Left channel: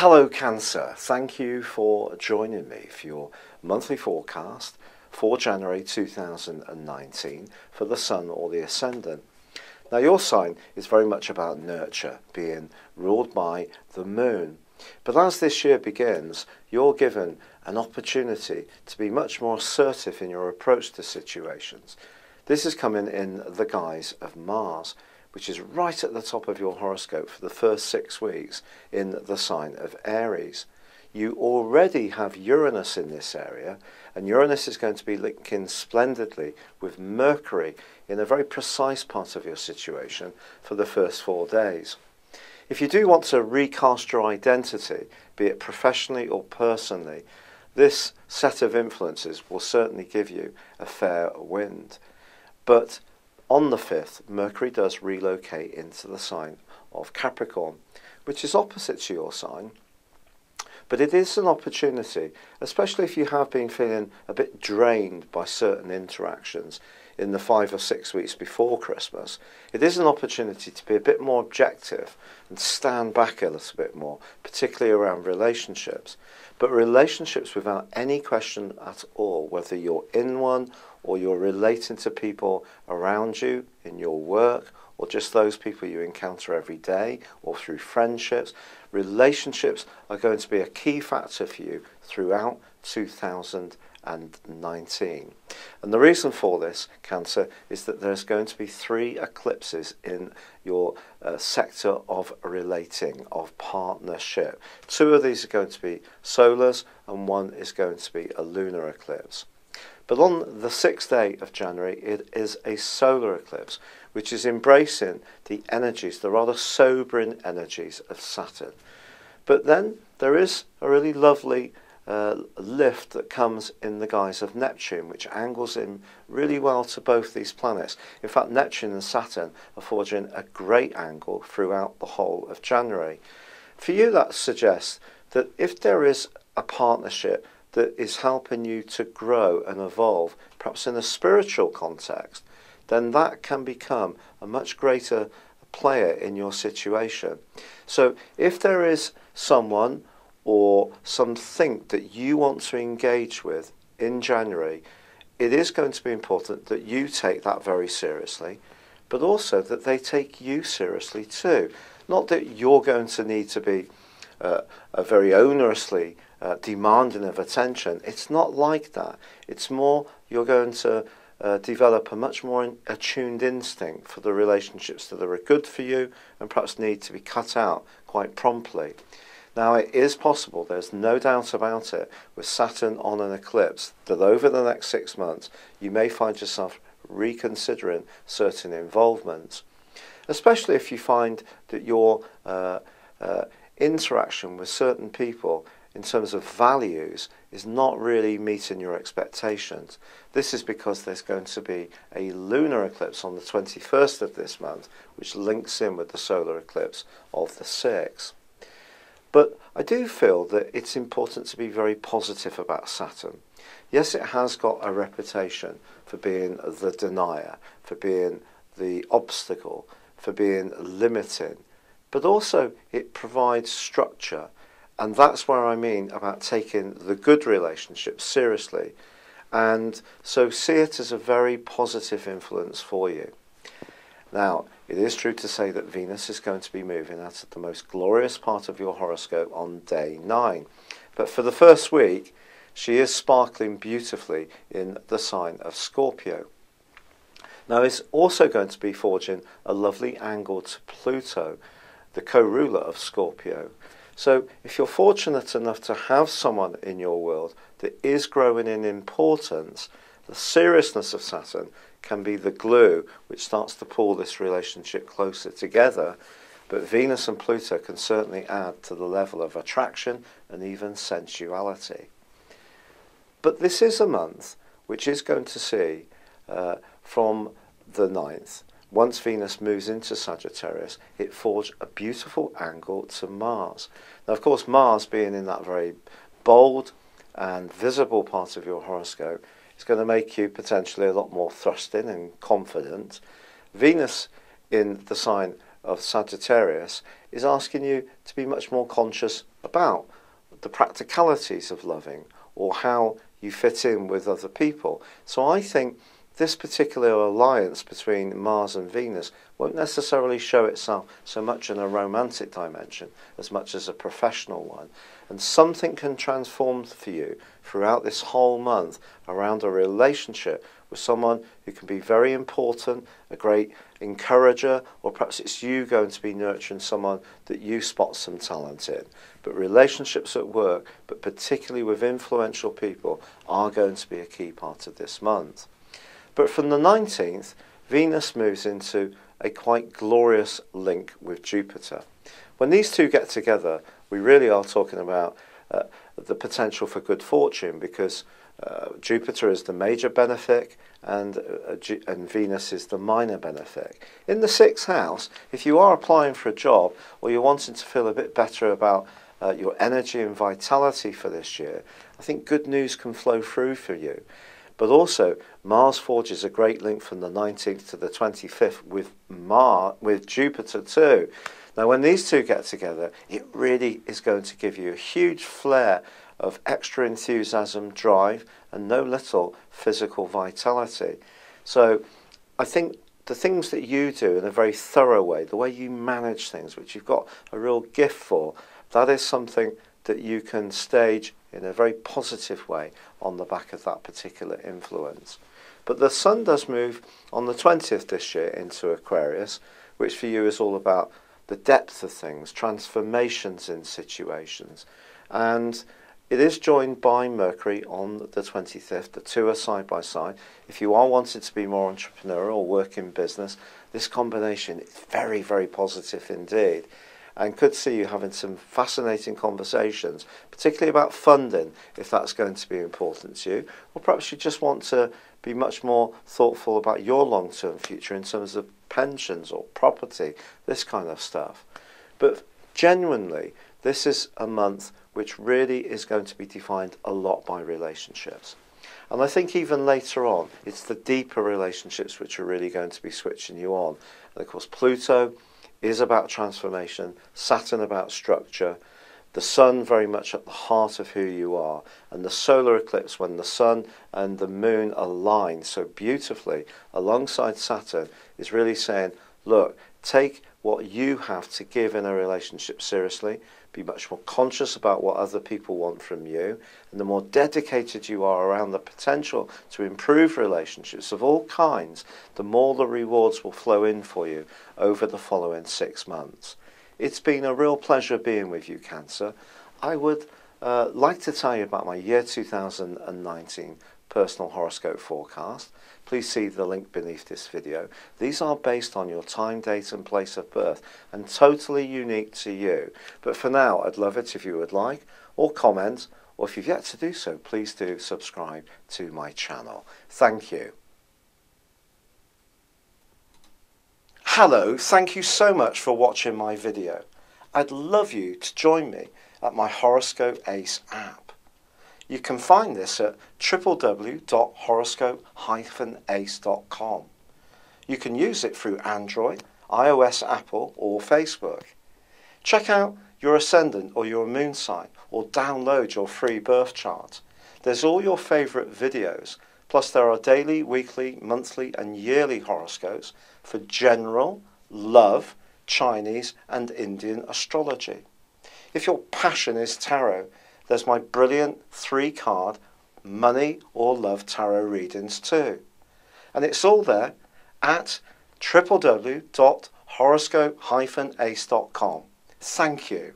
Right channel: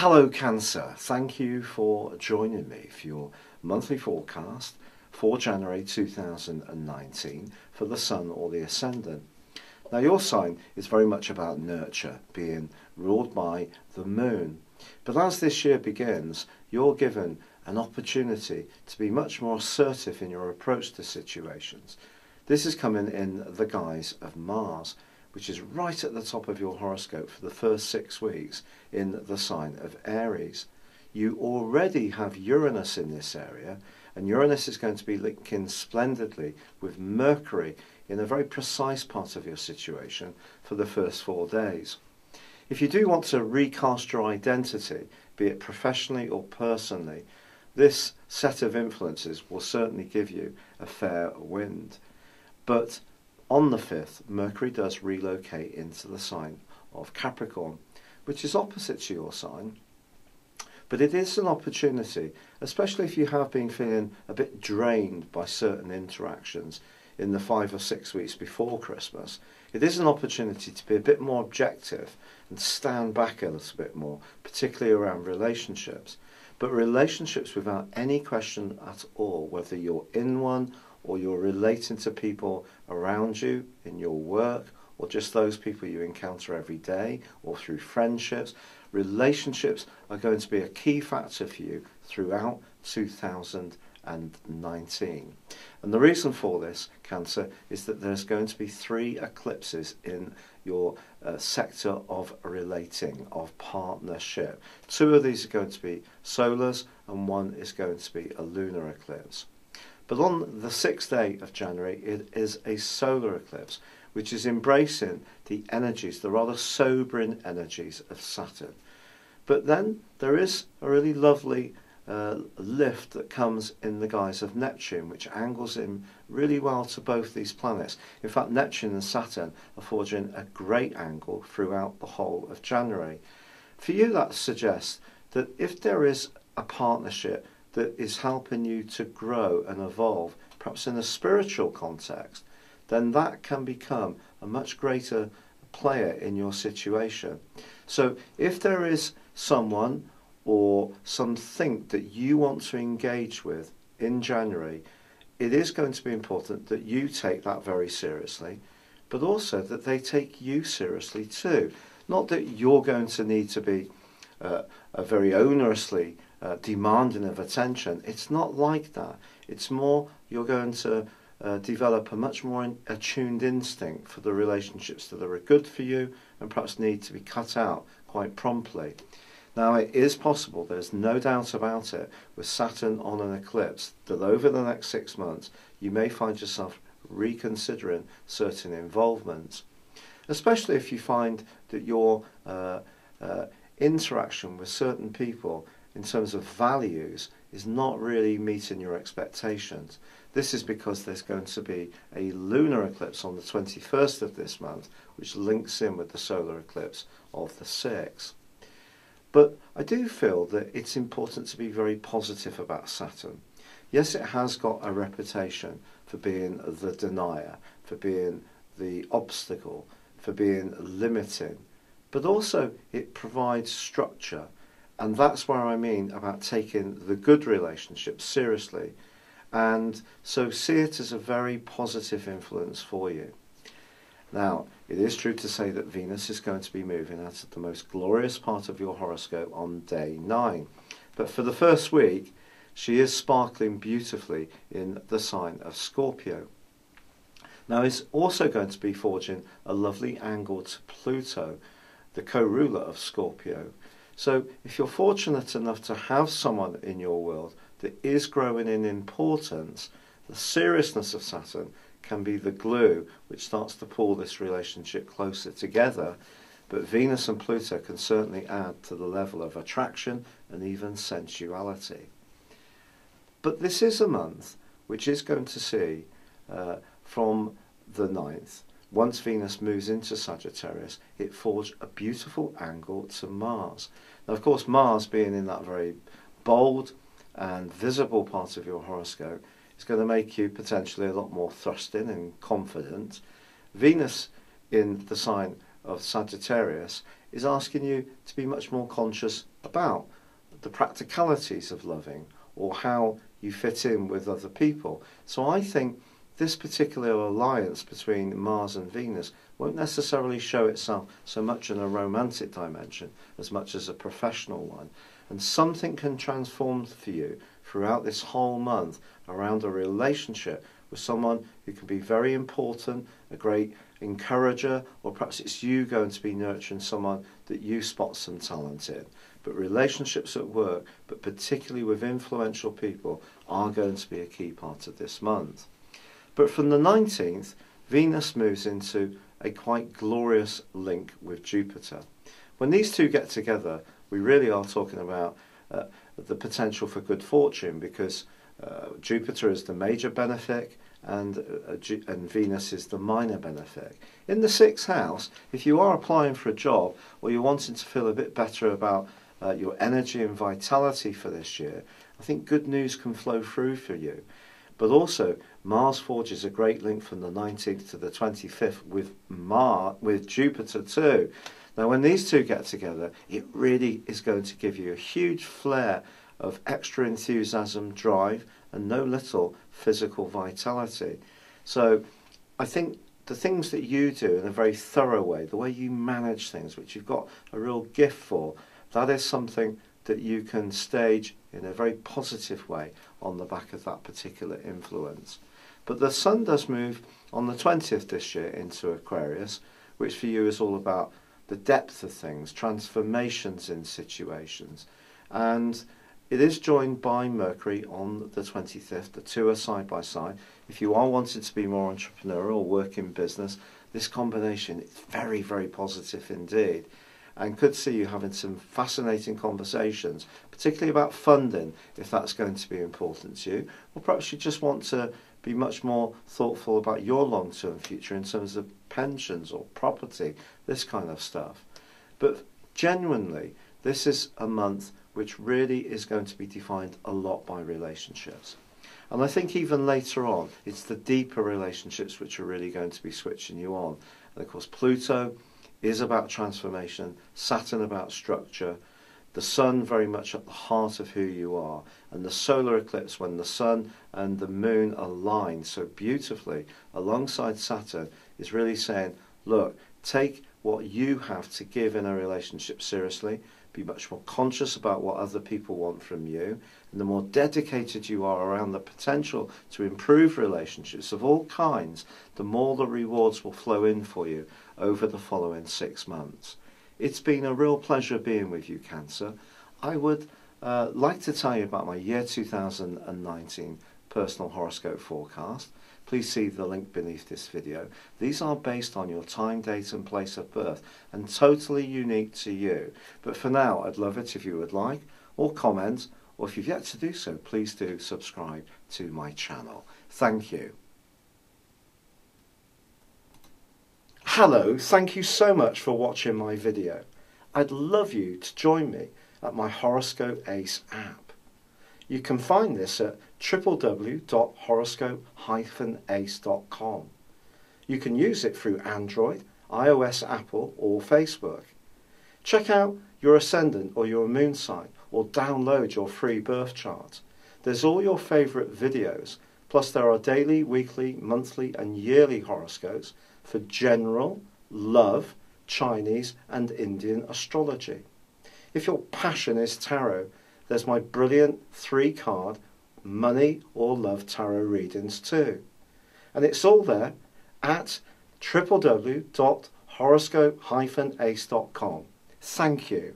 Hello Cancer, thank you for joining me for your monthly forecast for January 2019 for the Sun or the Ascendant. Now your sign is very much about nurture, being ruled by the Moon. But as this year begins, you're given an opportunity to be much more assertive in your approach to situations. This is coming in the guise of Mars, which is right at the top of your horoscope for the first 6 weeks in the sign of Aries. You already have Uranus in this area, and Uranus is going to be linking splendidly with Mercury in a very precise part of your situation for the first 4 days. If you do want to recast your identity, be it professionally or personally, this set of influences will certainly give you a fair wind. But on the 5th, Mercury does relocate into the sign of Capricorn, which is opposite to your sign. But it is an opportunity, especially if you have been feeling a bit drained by certain interactions in the 5 or 6 weeks before Christmas. It is an opportunity to be a bit more objective and stand back a little bit more, particularly around relationships. But relationships without any question at all, whether you're in one or you're relating to people around you in your work, or just those people you encounter every day, or through friendships. Relationships are going to be a key factor for you throughout 2019. And the reason for this, Cancer, is that there's going to be 3 eclipses in your sector of relating, of partnership. 2 of these are going to be solars, and 1 is going to be a lunar eclipse. But on the 6th day of January, it is a solar eclipse, which is embracing the energies, the rather sobering energies of Saturn. But then there is a really lovely lift that comes in the guise of Neptune, which angles in really well to both these planets. In fact, Neptune and Saturn are forging a great angle throughout the whole of January. For you, that suggests that if there is a partnership that is helping you to grow and evolve, perhaps in a spiritual context, then that can become a much greater player in your situation. So if there is someone or something that you want to engage with in January, it is going to be important that you take that very seriously, but also that they take you seriously too. Not that you're going to need to be very onerously demanding of attention. It's not like that. It's more you're going to develop a much more attuned instinct for the relationships that are good for you and perhaps need to be cut out quite promptly. Now, it is possible, there's no doubt about it, with Saturn on an eclipse, that over the next 6 months you may find yourself reconsidering certain involvements, especially if you find that your interaction with certain people in terms of values is not really meeting your expectations. This is because there's going to be a lunar eclipse on the 21st of this month, which links in with the solar eclipse of the 6th. But I do feel that it's important to be very positive about Saturn. Yes, it has got a reputation for being the denier, for being the obstacle, for being limiting, but also it provides structure. And that's where I mean about taking the good relationships seriously. And so see it as a very positive influence for you. Now, it is true to say that Venus is going to be moving out of the most glorious part of your horoscope on day 9. But for the first week, she is sparkling beautifully in the sign of Scorpio. Now, it's also going to be forging a lovely angle to Pluto, the co-ruler of Scorpio. So if you're fortunate enough to have someone in your world that is growing in importance, the seriousness of Saturn can be the glue which starts to pull this relationship closer together. But Venus and Pluto can certainly add to the level of attraction and even sensuality. But this is a month which is going to see from the 9th, once Venus moves into Sagittarius, it forged a beautiful angle to Mars. Now, of course, Mars being in that very bold and visible part of your horoscope is going to make you potentially a lot more thrusting and confident. Venus in the sign of Sagittarius is asking you to be much more conscious about the practicalities of loving or how you fit in with other people. So I think this particular alliance between Mars and Venus won't necessarily show itself so much in a romantic dimension as much as a professional one. And something can transform for you throughout this whole month around a relationship with someone who can be very important, a great encourager, or perhaps it's you going to be nurturing someone that you spot some talent in. But relationships at work, but particularly with influential people, are going to be a key part of this month. But from the 19th, Venus moves into a quite glorious link with Jupiter. When these two get together, we really are talking about the potential for good fortune, because Jupiter is the major benefic and Venus is the minor benefic. In the 6th house, if you are applying for a job or you're wanting to feel a bit better about your energy and vitality for this year, I think good news can flow through for you. But also, Mars forges a great link from the 19th to the 25th with Jupiter too. Now, when these two get together, it really is going to give you a huge flare of extra enthusiasm, drive, and no little physical vitality. So I think the things that you do in a very thorough way, the way you manage things, which you've got a real gift for, that is something that you can stage in a very positive way on the back of that particular influence. But the Sun does move on the 20th this year into Aquarius, which for you is all about the depth of things, transformations in situations. And it is joined by Mercury on the 25th. The two are side by side. If you are wanting to be more entrepreneurial or work in business, this combination is very, very positive indeed, and could see you having some fascinating conversations, particularly about funding, if that's going to be important to you. Or perhaps you just want to be much more thoughtful about your long-term future in terms of pensions or property, this kind of stuff. But genuinely, this is a month which really is going to be defined a lot by relationships. And I think even later on, it's the deeper relationships which are really going to be switching you on. And of course, Pluto is about transformation, Saturn about structure, the Sun very much at the heart of who you are, and the solar eclipse, when the Sun and the Moon align so beautifully alongside Saturn, is really saying, look, take what you have to give in a relationship seriously, be much more conscious about what other people want from you, and the more dedicated you are around the potential to improve relationships of all kinds, the more the rewards will flow in for you over the following 6 months. It's been a real pleasure being with you, Cancer. I would like to tell you about my year 2019 personal horoscope forecast. Please see the link beneath this video. These are based on your time, date and place of birth and totally unique to you. But for now, I'd love it if you would like or comment, or if you've yet to do so, please do subscribe to my channel. Thank you. Hello, thank you so much for watching my video. I'd love you to join me at my Horoscope Ace app. You can find this at www.horoscope-ace.com. You can use it through Android, iOS, Apple or Facebook. Check out your ascendant or your moon sign or download your free birth chart. There's all your favourite videos, plus there are daily, weekly, monthly and yearly horoscopes for general, love, Chinese and Indian astrology. If your passion is tarot, there's my brilliant 3-card money or love tarot readings too. And it's all there at www.horoscope-ace.com. Thank you.